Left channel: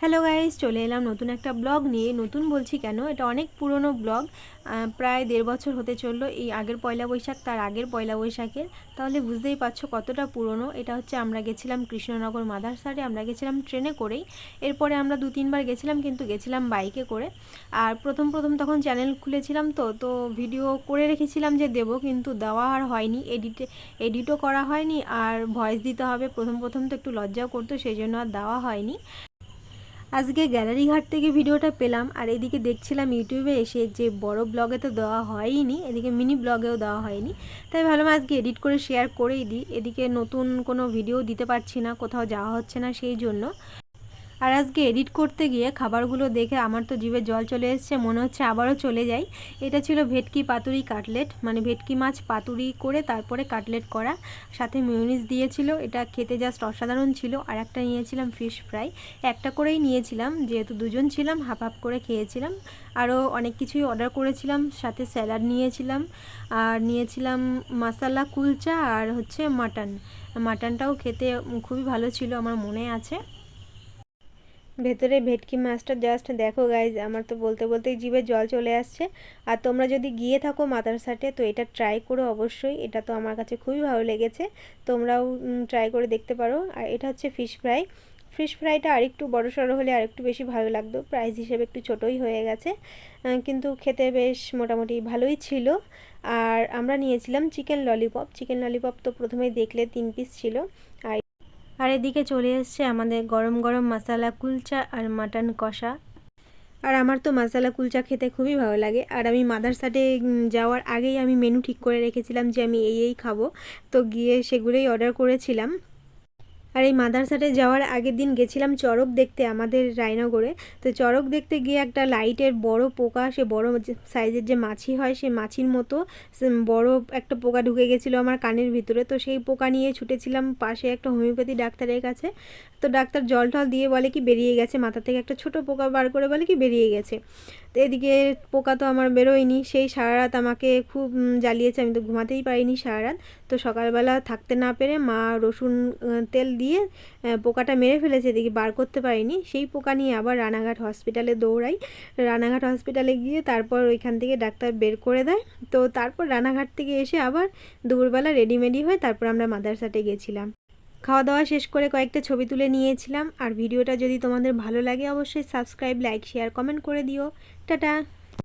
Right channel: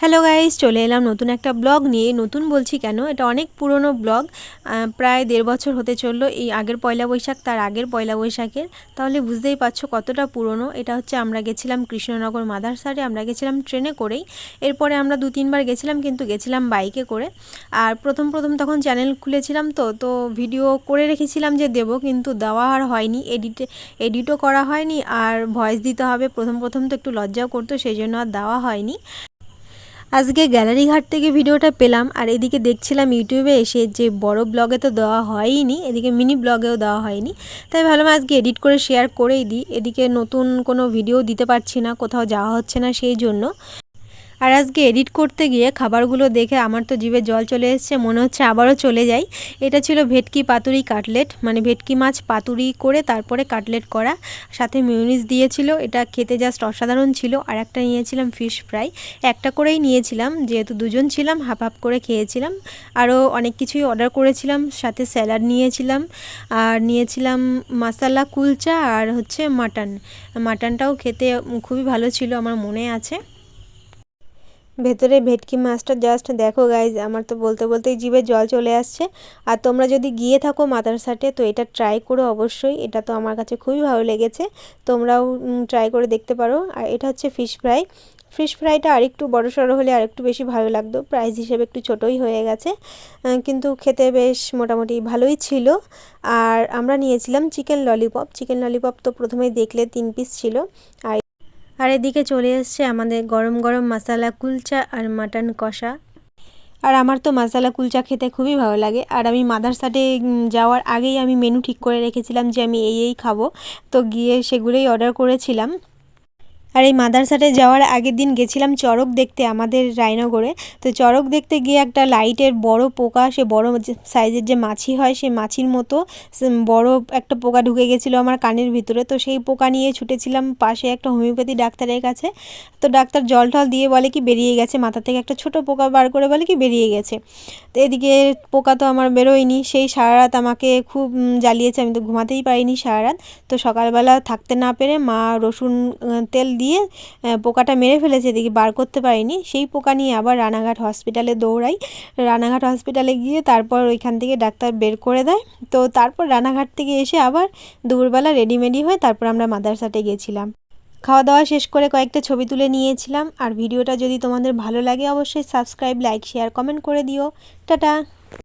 Hello guys চলে এলাম নতুন একটা ব্লগ নিয়ে। নতুন বলছি কেন? এটা অনেক পুরনো ব্লগ। প্রায় দেড় বছর হতে চলল এই আগের পয়লা বৈশাখ তার আগের পয়লা বৈশাখের। তাহলে বুঝতেই পারছ কতটা পুরনো। এটা হচ্ছে আমরা গেছিলাম কৃষ্ণনগর মাদারসারে আমরা গেছিলাম ট্রেনে করেই। এরপরে আমরা দু, তিনবার গেছিলাম কিন্তু গেছিলাম বাইকে করে। আর প্রথম প্রথম তখন চ্যানেল খুলেছিলাম তো তো ভিডিও করে রেখেছিলাম যে দেব কিন্তু দেওয়া আর হয়নি। এডিটে এডিটও করা হয়নি। আর ভয়েস দিতে হবে। প্রথম প্রথম তো একটু লজ্জাও করতো, সেই জন্য আর দেওয়া হয়নি। আজকে গ্যালারি ঘাট থেকে ভিডিওটা পেলাম, আর এদিকে দেখছিলাম ইউটিউবে এসে যে বড় ব্লগে তো দেওয়া হয়নি এদিকে মিনি ব্লগেও দেওয়া হয়নি। তাই ভাবলাম আজকে এডিট করে শেয়ার করেই দিই, এদিকে নতুন কোনো ভিডিও দিতে পারছি না, কোথাও যাওয়া হচ্ছে না সেই জন্য। আর আজকে এডিট করতে গিয়ে খাবারগুলো দেখে আমার তো জিভে জল চলে এসছে, মনে হচ্ছে আবারও চলে যাই। এটা ছিল ভেটকি পাতুরি কাটলেট মানে ভেটকি মাছ পাতুরি করে তারপরে কাটলেট করা। সাথে মিউনিস দিয়েছিল, এটা খেতে জাস্ট অসাধারণ ছিল। আর একটা নিয়েছিলাম ফিশ ফ্রাই একটা করেই নিয়েছিলাম, যেহেতু দুজন ছিলাম হাফ হাফ করে খেয়েছিলাম। আরও অনেক কিছুই অর্ডার করেছিলাম, সাথে স্যালাড নিয়েছিলাম, আর নিয়েছিলাম মশালা কুলচা আর হচ্ছে মাটন মাটনটাও খেতে খুবই ভালো ছিল, আমার মনে আছে। ভেতরে ভেটকি মাছটা জাস্ট দেখো গাইজ আমার তো বলতে বলতেই জিভে জল চলে আসছে। আর তোমরা যদি গিয়ে থাকো মাদার সাটে, তো এটা ট্রাই করো অবশ্যই, এটা তো আমার কাছে খুবই ভালো লেগেছে। তোমরাও ট্রাই করে দেখতে পারো। আর এটা হচ্ছে ফিশ ফ্রাই ফিশ ফ্রাইটা আরেকটু বড় সড়ো হলে আরেকটু বেশি ভালো লাগতো প্রাইস হিসেবে একটু ছোটোই হয়ে গেছে। কিন্তু খেতে বেশ মোটামুটি ভালোই ছিল। আর আমরা নিয়েছিলাম চিকেন ললিপপ চিকেন ললিপপ তো প্রথমেই দেখলে তিন পিস ছিল। আর আর এদিকে চলে এসছে আমাদের গরম গরম মশালা কুলচা আর মাটন কষা। আর আমার তো মশালা কুলচা খেতে খুবই ভালো লাগে। আর আমি মাদারসাটে যাওয়ার আগেই আমি মেনু ঠিক করে রেখেছিলাম যে আমি এই এই খাব। তো গিয়ে সেগুলোই অর্ডার করেছিলাম। আর এই মাদারসাটে যাওয়ার আগের দিন গেছিলাম চড়ক দেখতে আমাদের রায়নগরে। তো চড়ক দেখতে গিয়ে একটা লাইটের বড় পোকা, সে বড় সাইজের যে মাছি হয়, সে মাছির মতো বড় একটা পোকা ঢুকে গেছিল আমার কানের ভিতরে। তো সেই পোকা নিয়ে ছুটেছিলাম পাশে একটা হোমিওপ্যাথি ডাক্তারের কাছে। তো ডাক্তার জল টল দিয়ে বলে কি, বেরিয়ে গেছে। মাথা থেকে একটা ছোট পোকা বার করে বলে কি, বেরিয়ে গেছে। এদিকে পোকা তো আমার বেরোয়নি, সেই সারা রাত আমাকে খুব জ্বালিয়েছে। আমি তো ঘুমাতেই পারিনি সারা রাত তো সকালবেলা থাকতে না পেরে মা রসুন তেল দিয়ে পোকাটা মেরে ফেলেছে, এদিকে বার করতে পারিনি। সেই পোকা নিয়ে আবার রানাঘাট হসপিটালে দৌড়াই। রানাঘাট হসপিটালে গিয়ে তারপর ওইখান থেকে ডাক্তার বের করে দেয়। তো তারপর রানাঘাট থেকে এসে আবার দুপুরবেলা রেডিমেডি হয়ে তারপর আমরা মাদারসাটে গেছিলাম। খাওয়া দাওয়া শেষ করে কয়েকটা ছবি তুলে নিয়েছিলাম। আর ভিডিওটা যদি তোমাদের ভালো লাগে, অবশ্যই সাবস্ক্রাইব লাইক শেয়ার কমেন্ট করে দিও। টাটা!